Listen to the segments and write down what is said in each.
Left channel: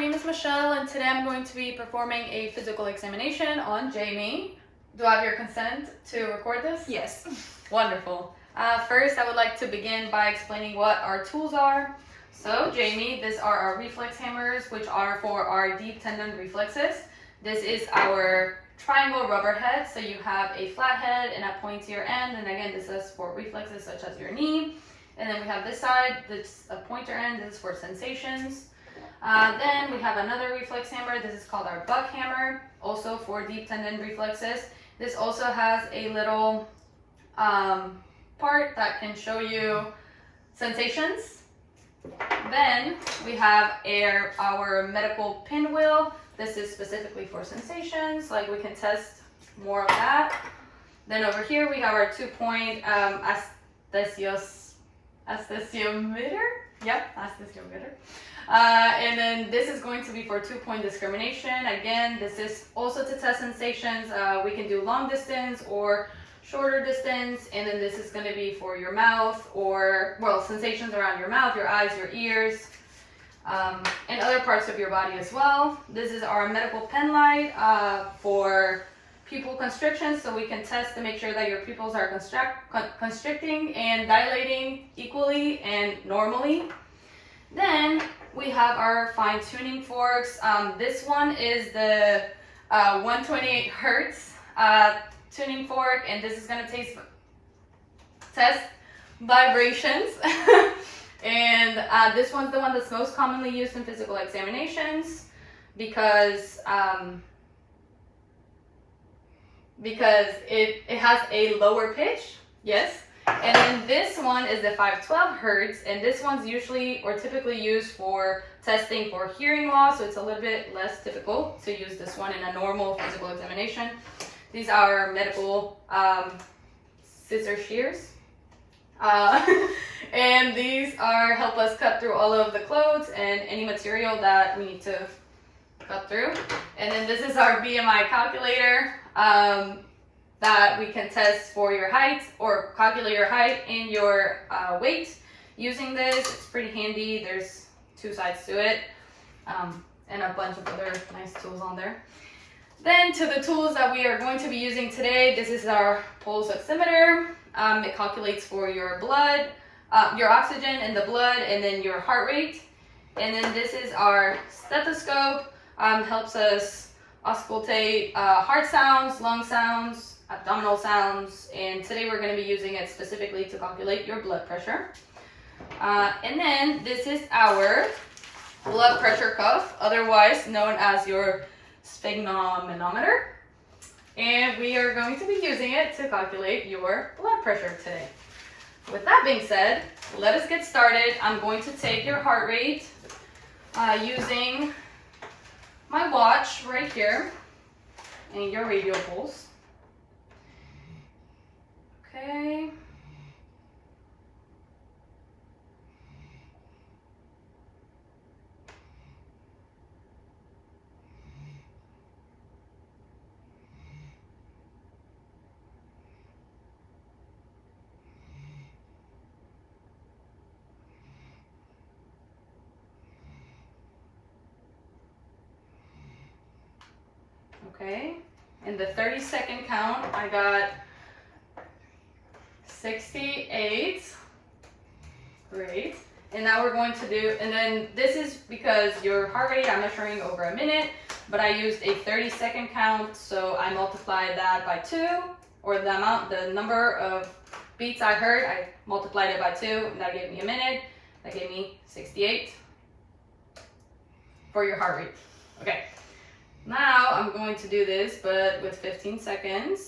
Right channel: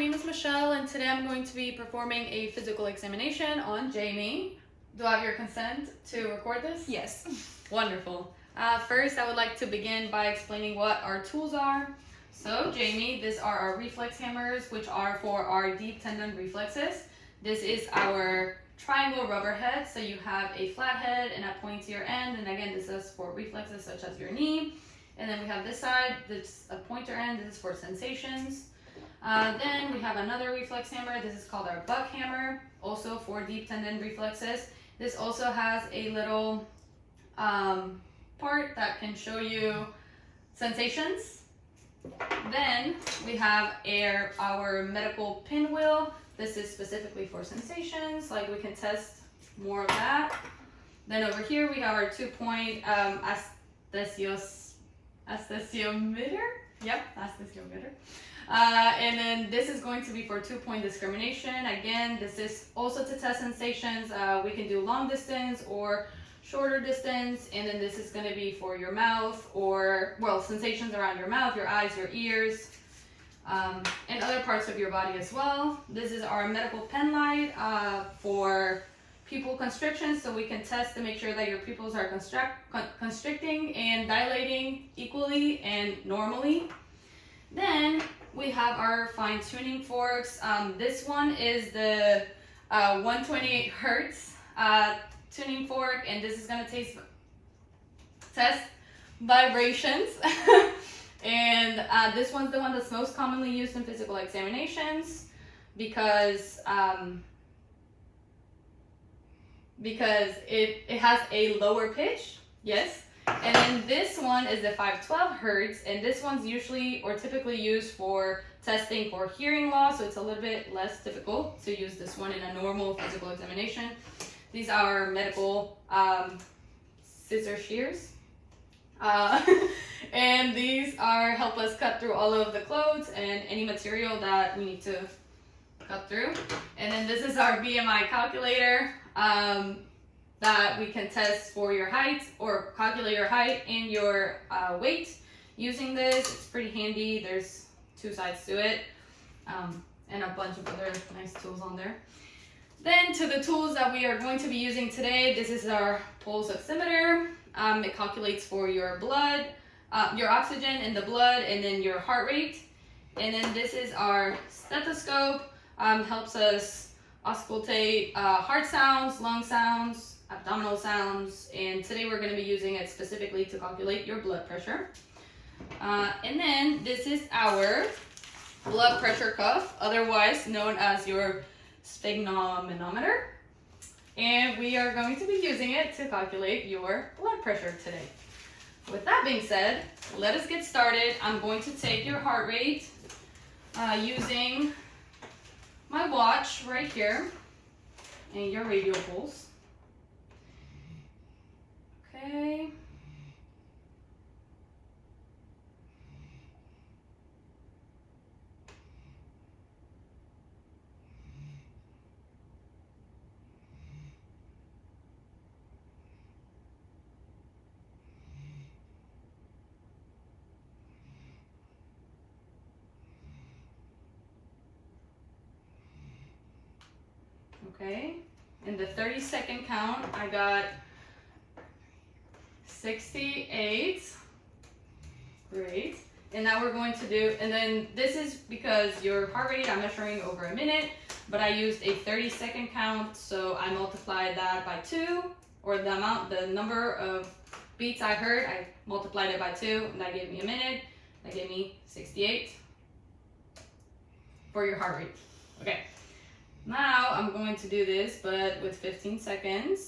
name is Michelle, and today I'm going to be performing a physical examination on Jamie. Do I have your consent to record this? Yes. Wonderful. First, I would like to begin by explaining what our tools are. So, Jamie, these are our reflex hammers, which are for our deep tendon reflexes. This is our triangle rubber head, so you have a flat head and a pointier end, and again, this is for reflexes such as your knee. And then we have this side, that's a pointer end, this is for sensations. Then we have another reflex hammer, this is called our buck hammer, also for deep tendon reflexes. This also has a little part that can show you sensations. Then we have our medical pinwheel. This is specifically for sensations, like we can test more of that. Then over here we have our 2-point aesthesiometer. Yep, aesthesiometer. And then this is going to be for 2-point discrimination. Again, this is also to test sensations. We can do long distance or shorter distance, and then this is going to be for your mouth or, well, sensations around your mouth, your eyes, your ears, and other parts of your body as well. This is our medical pen light for pupil constriction, so we can test to make sure that your pupils are constricting and dilating equally and normally. Then we have our fine tuning forks. This one is the 128 hertz tuning fork, and this is going to test vibrations. And this one's the one that's most commonly used in physical examinations because it has a lower pitch, yes. And then this one is the 512 hertz, and this one's usually or typically used for testing for hearing loss, so it's a little bit less typical to use this one in a normal physical examination. These are medical scissor shears. And these help us cut through all of the clothes and any material that we need to cut through. And then this is our BMI calculator that we can test for your height or calculate your height and your weight using this. It's pretty handy. There's 2 sides to it and a bunch of other nice tools on there. Then to the tools that we are going to be using today, this is our pulse oximeter. It calculates for your blood, your oxygen in the blood, and then your heart rate. And then this is our stethoscope, helps us auscultate heart sounds, lung sounds, abdominal sounds, and today we're going to be using it specifically to calculate your blood pressure. And then this is our blood pressure cuff, otherwise known as your sphygmomanometer, and we are going to be using it to calculate your blood pressure today. With that being said, let us get started. I'm going to take your heart rate using my watch right here and your radial pulse. Okay. Okay, in the 30-second count, I got 68. Great. And now we're going to do, and then this is because your heart rate, I'm measuring over a minute, but I used a 30-second count, so I multiplied that by 2, or the number of beats I heard, I multiplied it by 2, and that gave me a minute. That gave me 68 for your heart rate. Okay. Now I'm going to do this, but with 15 seconds.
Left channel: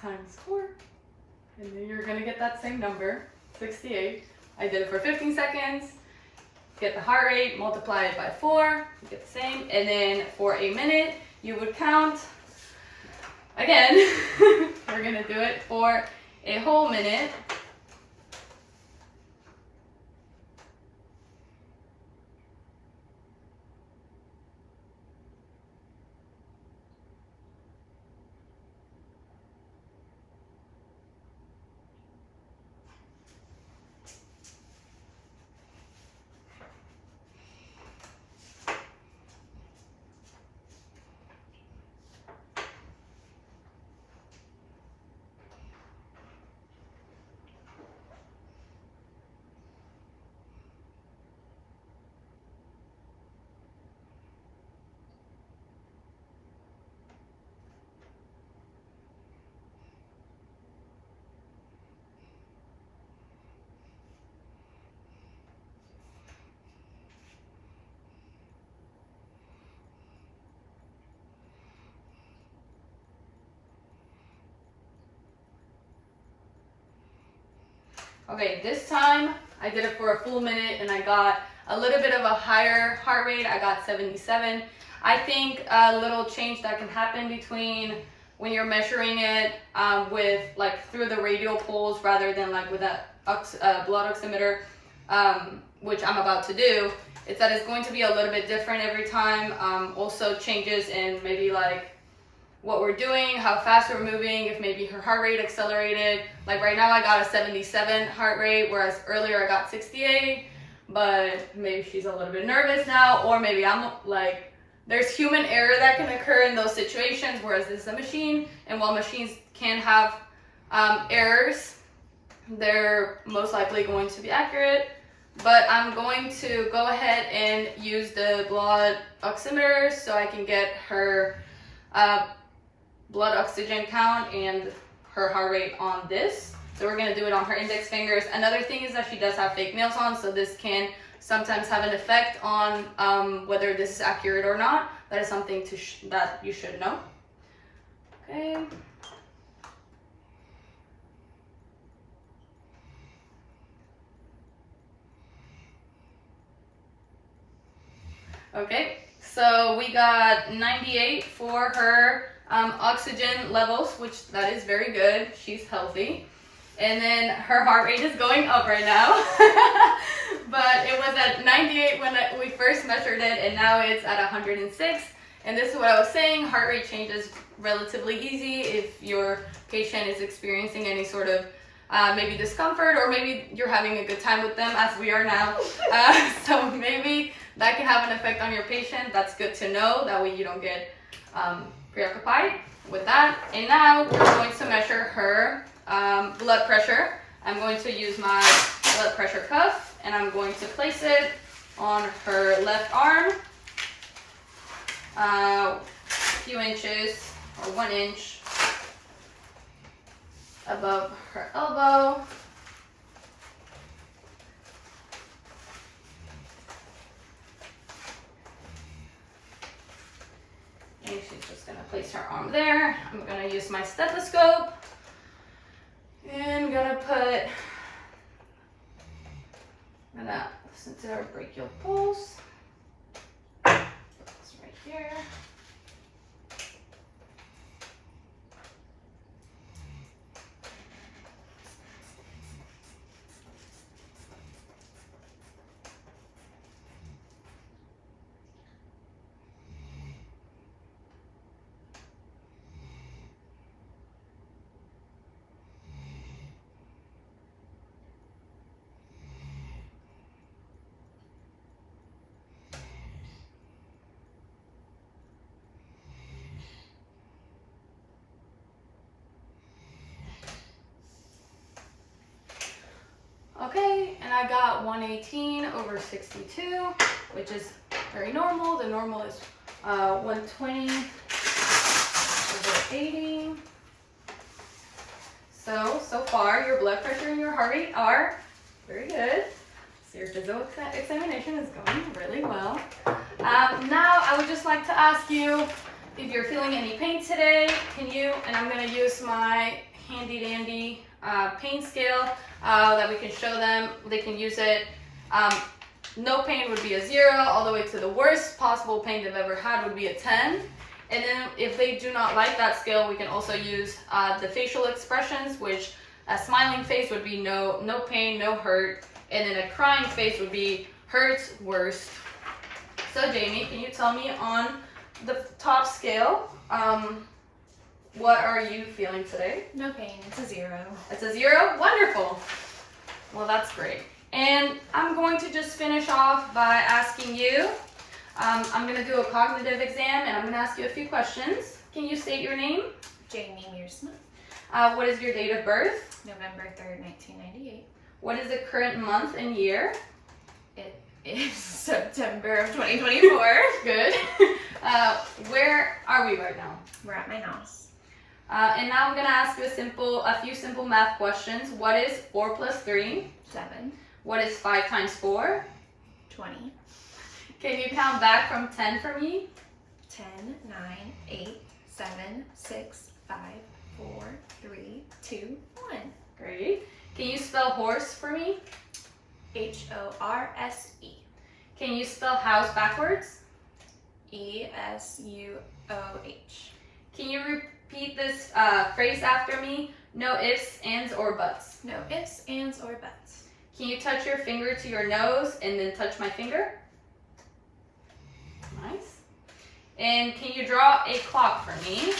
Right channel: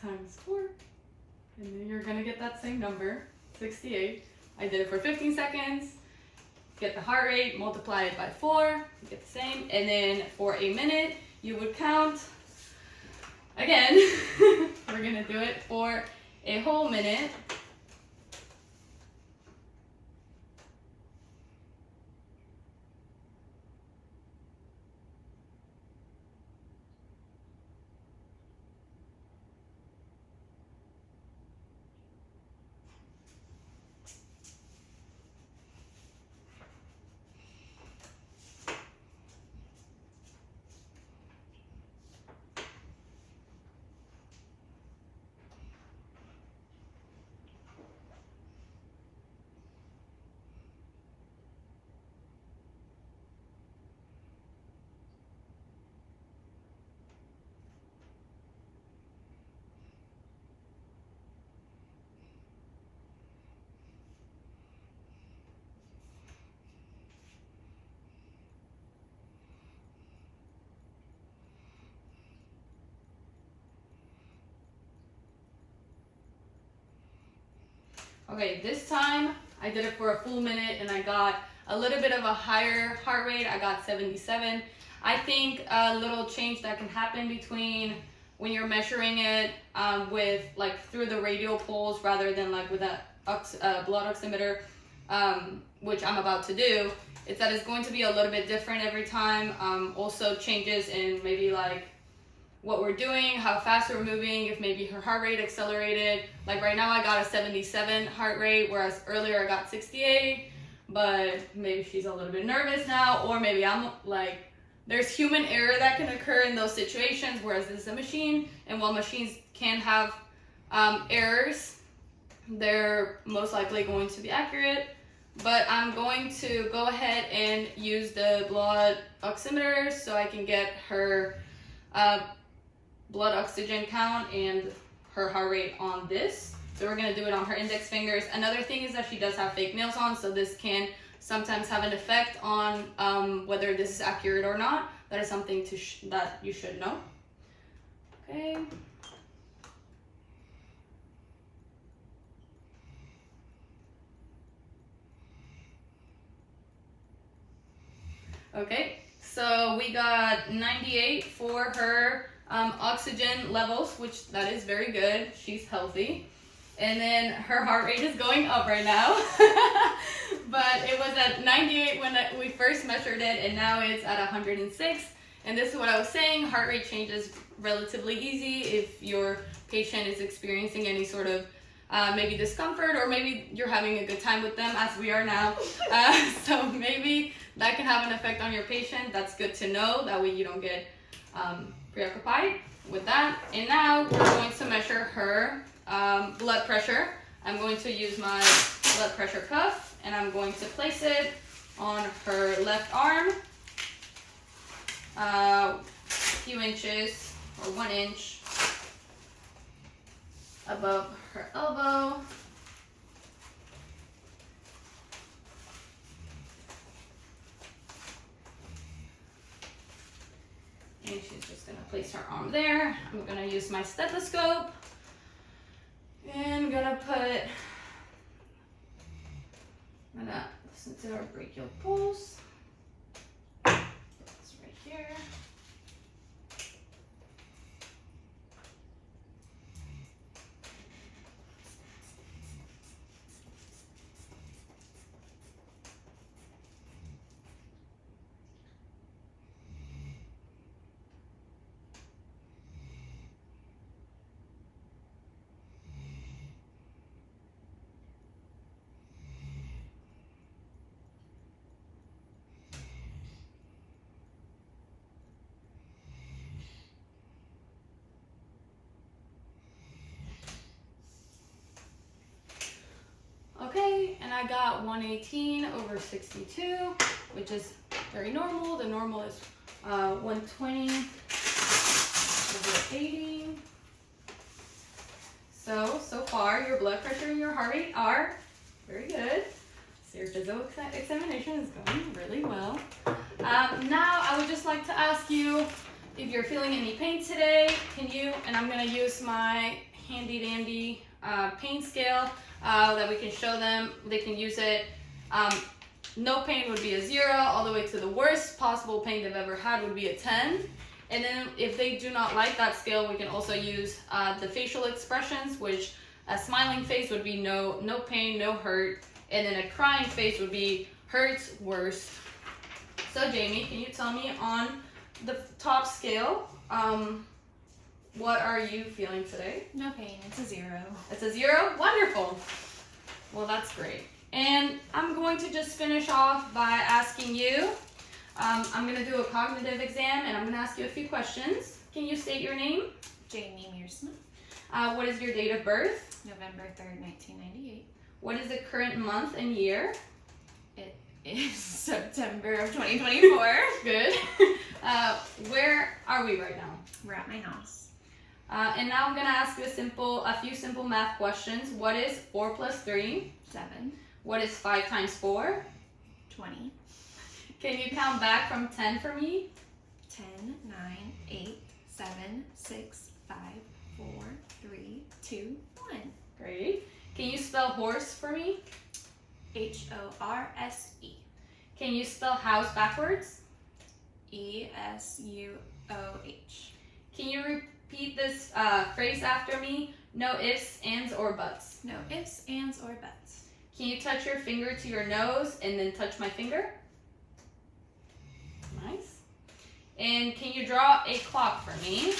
Times 4, and then you're gonna get that same number, 68. I did it for 15 seconds. Get the heart rate, multiply it by 4, you get the same, and then for a minute, you would count again. We're gonna do it for a whole minute. Okay, this time I did it for a full minute and I got a little bit of a higher heart rate. I got 77. I think a little change that can happen between when you're measuring it with like through the radial pulse rather than like with a blood oximeter, which I'm about to do, is that it's going to be a little bit different every time. Also changes in maybe like what we're doing, how fast we're moving, if maybe her heart rate accelerated. Like right now I got a 77 heart rate, whereas earlier I got 68, but maybe she's a little bit nervous now, or maybe I'm like, there's human error that can occur in those situations, whereas this is a machine, and while machines can have errors, they're most likely going to be accurate. But I'm going to go ahead and use the blood oximeter so I can get her blood oxygen count and her heart rate on this. So we're going to do it on her index fingers. Another thing is that she does have fake nails on, so this can sometimes have an effect on whether this is accurate or not. That is something that you should know. Okay. Okay, so we got 98 for her oxygen levels, which that is very good. She's healthy. And then her heart rate is going up right now. But it was at 98 when we first measured it, and now it's at 106. And this is what I was saying, heart rate changes relatively easy if your patient is experiencing any sort of maybe discomfort, or maybe you're having a good time with them, as we are now. So maybe that can have an effect on your patient. That's good to know. That way you don't get preoccupied with that. And now we're going to measure her blood pressure. I'm going to use my blood pressure cuff, and I'm going to place it on her left arm, a few inches or 1 inch above her elbow. And she's just going to place her arm there. I'm going to use my stethoscope and I'm going to put that sensitive brachial pulse. It's right here. Okay, and I got 118 over 62, which is very normal. The normal is 120 over 80. So far your blood pressure and your heart rate are very good. Your physical examination is going really well. Now I would just like to ask you if you're feeling any pain today, and I'm going to use my handy dandy pain scale that we can show them. They can use it. No pain would be a 0, all the way to the worst possible pain they've ever had would be a 10. And then if they do not like that scale, we can also use the facial expressions, which a smiling face would be no pain, no hurt, and then a crying face would be hurts, worst. So Jamie, can you tell me on the top scale, what are you feeling today? No pain, it's a 0. It's a 0? Wonderful. Well, that's great. And I'm going to just finish off by asking you, I'm going to do a cognitive exam, and I'm going to ask you a few questions. Can you state your name? Jamie Mearsma. What is your date of birth? November 3rd, 1998. What is the current month and year? It is September of 2024. Good. Where are we right now? We're at my house. And now I'm going to ask you a few simple math questions. What is 4 plus 3? 7. What is 5 times 4? 20. Can you count back from 10 for me? 10, 9, 8, 7, 6, 5, 4, 3, 2, 1. Great. Can you spell horse for me? HORSE. Can you spell house backwards? ESUOH. Can you repeat this phrase after me? No ifs, ands, or buts. No ifs, ands, or buts. Can you touch your finger to your nose and then touch my finger? Nice. And can you draw a clock for me?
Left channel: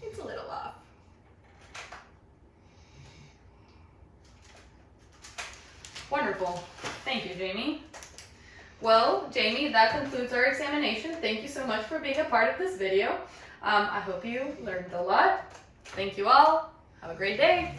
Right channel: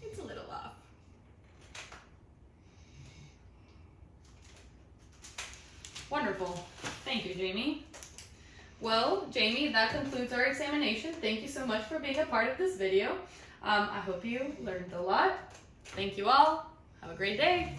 It's a little off. Wonderful. Thank you, Jamie. Well, Jamie, that concludes our examination. Thank you so much for being a part of this video. I hope you learned a lot. Thank you all. Have a great day.